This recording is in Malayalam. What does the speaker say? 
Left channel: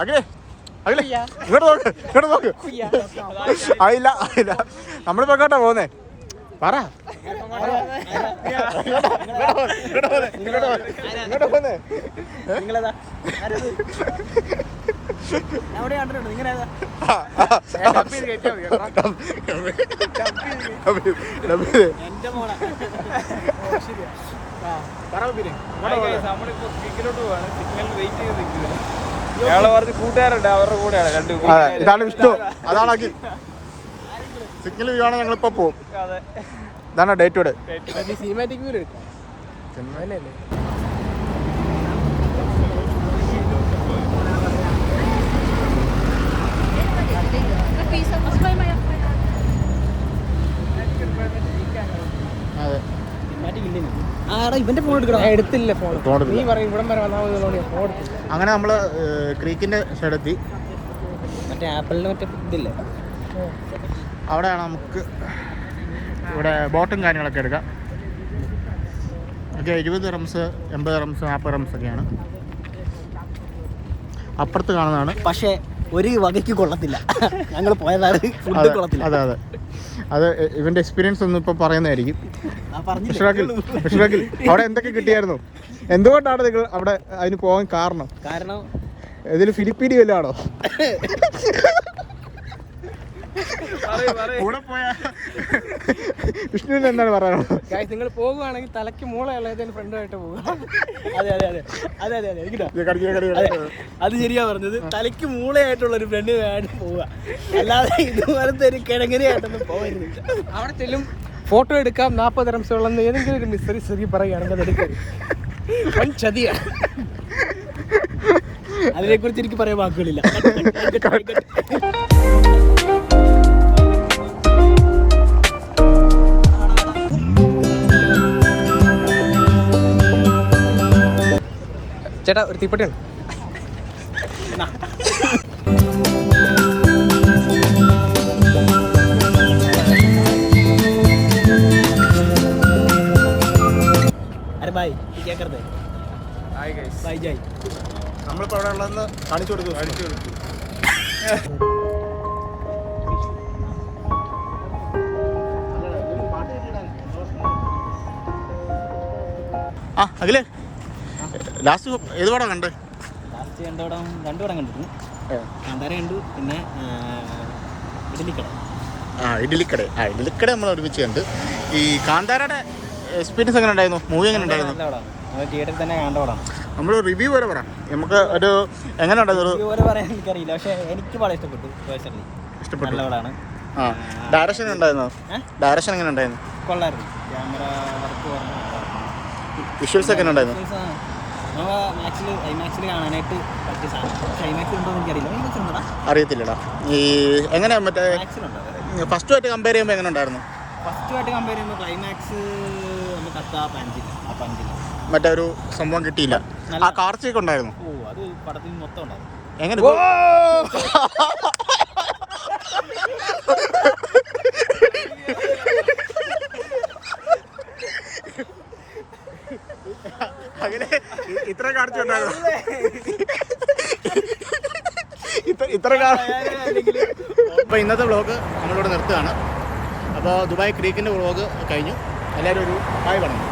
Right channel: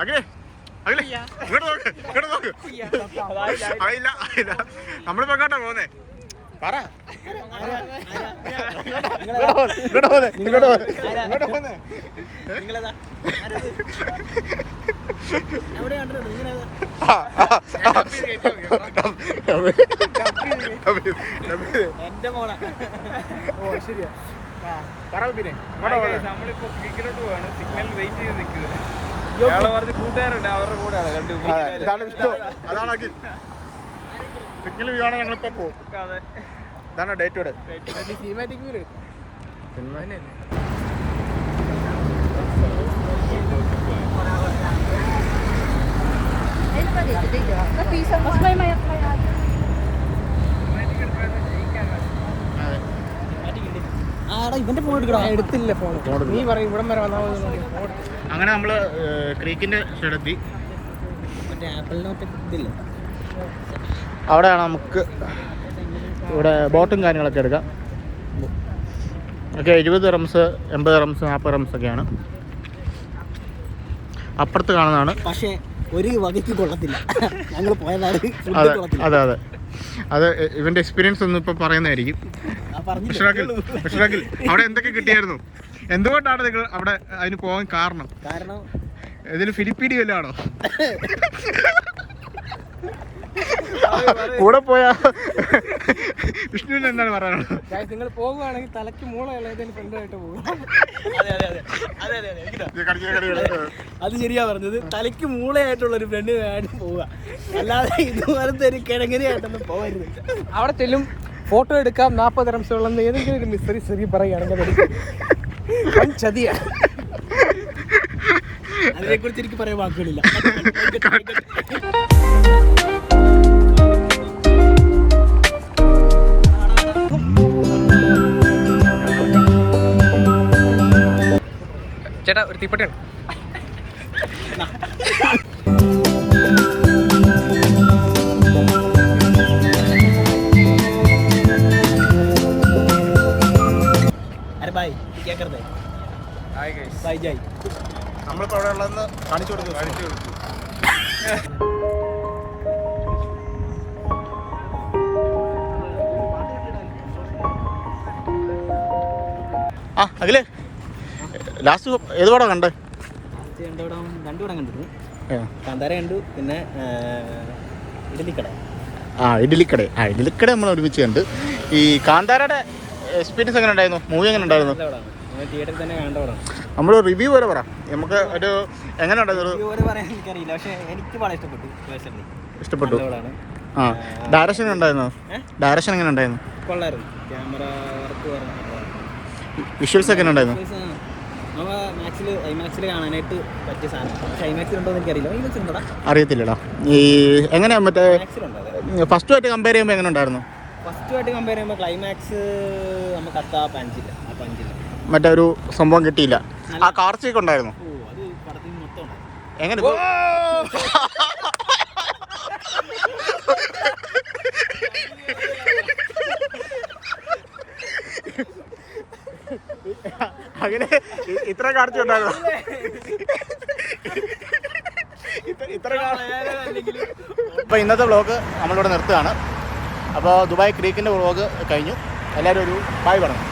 അഖിലേ ഇങ്ങോട്ട് നോക്ക് ആയില്ല നമ്മളിപ്പോ എങ്ങോട്ടാ പോകുന്നേ പറ ഇങ്ങോട്ട് പോന്നേ നമ്മളിപ്പോ സിഗ്നലോട്ട് പോവാണ്. സിഗ്നലിന് വെയിറ്റ് ചെയ്ത് നിൽക്കുന്നത്. കൂട്ടുകാരുണ്ട്, അവരുടെ കൂടെയാണ്. ഇതാണ് വിഷ്ണു, അതാണ് അഖിൽ. സിഗ്നൽ വീഴാണെങ്കിൽ ഞങ്ങളിപ്പോ പോകും. ഇതാണ് ഡേറ്റ് ഇവിടെ. ഇവന്റെ ഫോൺ എടുക്കണം. എടുത്തില്ല ഫോൺ. നീ പറയും ഇവിടം വരെ വന്നാൽ. അങ്ങനെ നമ്മള് ക്രീക്കിന്റെ സൈഡെത്തി. മറ്റേ ആപ്പിളിന് മറ്റേ ഇതില്ല, അവിടെയാണ് നമുക്ക് ഇവിടെ ബോട്ടും കാര്യങ്ങളൊക്കെ എടുക്കാം. ഒക്കെ 20 റംസ്, 80 റംസ്, 40 റംസ് ഒക്കെയാണ്. അപ്പുറത്ത് കാണുന്നതാണ്. പക്ഷേ ഒരു വകയ്ക്ക് കൊള്ളത്തില്ല. ഞങ്ങൾ പോയതാണ്. അതെ അത് ഇവന്റെ എക്സ്പീരിയൻസ് ഒന്നും ഇപ്പൊ പറയുന്നതായിരിക്കും. അവിടെ എന്തൊക്കെ കിട്ടിയായിരുന്നു? എന്തുകൊണ്ടാണ് നിങ്ങൾ അവിടെ അതിന് പോകാൻ കാരണം ഇതിൽ ഫിലിപ്പീനി വല്ലതും ആണോ? കൂടെ പോയാ വിഷ്ണുവിന് എന്താണ് പറയാനുള്ളത്? നിങ്ങൾ പോകുകയാണെങ്കിൽ തലയ്ക്ക് മൂളയുള്ള ഏതെങ്കിലും ഫ്രണ്ടുമായിട്ട് പോകുക. അത് ശരിയാ പറഞ്ഞത്. തലയ്ക്ക് മൂളയായിട്ടുള്ള ഒരു ഫ്രണ്ടുമായിട്ട് പോവുക, അല്ലാതെ ഇതുപോലത്തെ ഒരു കിഴങ്ങനെയായിട്ടൊന്നും പോകരുത്. അവിടെ ചെല്ലും, ഫോട്ടോ എടുക്കാം, 40 റംസുള്ളെന്ന് ഏതെങ്കിലും ഒരു മിസ്റ്ററി പറയുകയാണെങ്കിൽ അതെടുക്കും. വൻ ചതിയാണ്. അതിനെക്കുറിച്ച് എനിക്ക് പറയാൻ വാക്കുകളില്ല. ചേട്ടാ ഒരു തീപ്പെട്ടിയുണ്ട്. നമ്മളിപ്പോ അവിടെ ഉള്ളതെന്ന് കാണിച്ചു കൊടുക്കും. അഖിലേ, ലാസ്റ്റ് ഏത് പടം കണ്ട്? ലാസ്റ്റ് രണ്ടു പടം കണ്ടിരുന്നു. കാന്താര കണ്ടു, പിന്നെ ഇഡലിക്കട നമ്മൾ ഒരുമിച്ച് കണ്ട്. ഈ കാന്താരയുടെ എക്സ്പീരിയൻസ് എങ്ങനെ ഉണ്ടായിരുന്നു? മൂവി എങ്ങനെ ഉണ്ടായിരുന്നു? തിയേറ്ററിൽ തന്നെ കണ്ട പടം. നമ്മൾ റിവ്യൂ വരെ പറ, നമുക്ക് ഒരു എങ്ങനെ ഉണ്ടായിരുന്നു? റിവ്യൂ വരെ പറയാൻ എനിക്കറിയില്ല, പക്ഷേ എനിക്ക് വളരെ ഇഷ്ടപ്പെട്ടു. ഇഷ്ടപ്പെട്ടു. ഡയറക്ഷൻ ഉണ്ടായിരുന്നു? ഡയറക്ഷൻ എങ്ങനെ ഉണ്ടായിരുന്നു? കൊള്ളായിരുന്നു. ക്യാമറ വർക്ക് നല്ലതായിരുന്നു. വിഷ്വൽസ് എങ്ങനെ ഉണ്ടായിരുന്നു? നമ്മൾ ഐമാക്സിൽ കാണാനായിട്ട് പറ്റിയ സാധനം. പക്ഷേ ഐമാക്സിൽ ഉണ്ടോ എന്ന് എനിക്കറിയില്ല. ഐമാക്സിൽ ഉണ്ടോ അറിയത്തില്ലടാ. ഈ എങ്ങനെയാ മറ്റേ ഫസ്റ്റുമായിട്ട് കമ്പയർ ചെയ്യുമ്പോൾ എങ്ങനെ ഉണ്ടായിരുന്നു? ഫസ്റ്റുമായിട്ട് കമ്പയർ ചെയ്യുമ്പോൾ ക്ലൈമാക്സ് നമുക്ക് അത്ര പഞ്ചില്ല. മറ്റേ ഒരു സംഭവം കിട്ടിയില്ല. ആ കാർത്തിക് ഉണ്ടായിരുന്നു. അത് പടത്തിൽ മൊത്തം ഉണ്ടാവും. എങ്ങനെ ഇത്ര കാർച്ച ഉണ്ടായിരുന്നു? അപ്പോൾ ഇന്നത്തെ വ്ളോഗ് നമ്മളിവിടെ നിർത്തുകയാണ്. അപ്പോൾ ദുബായ് ക്രീക്കിൻ്റെ വ്ളോഗ് കഴിഞ്ഞു. എല്ലാവരും ഒരു ബൈ പറഞ്ഞു.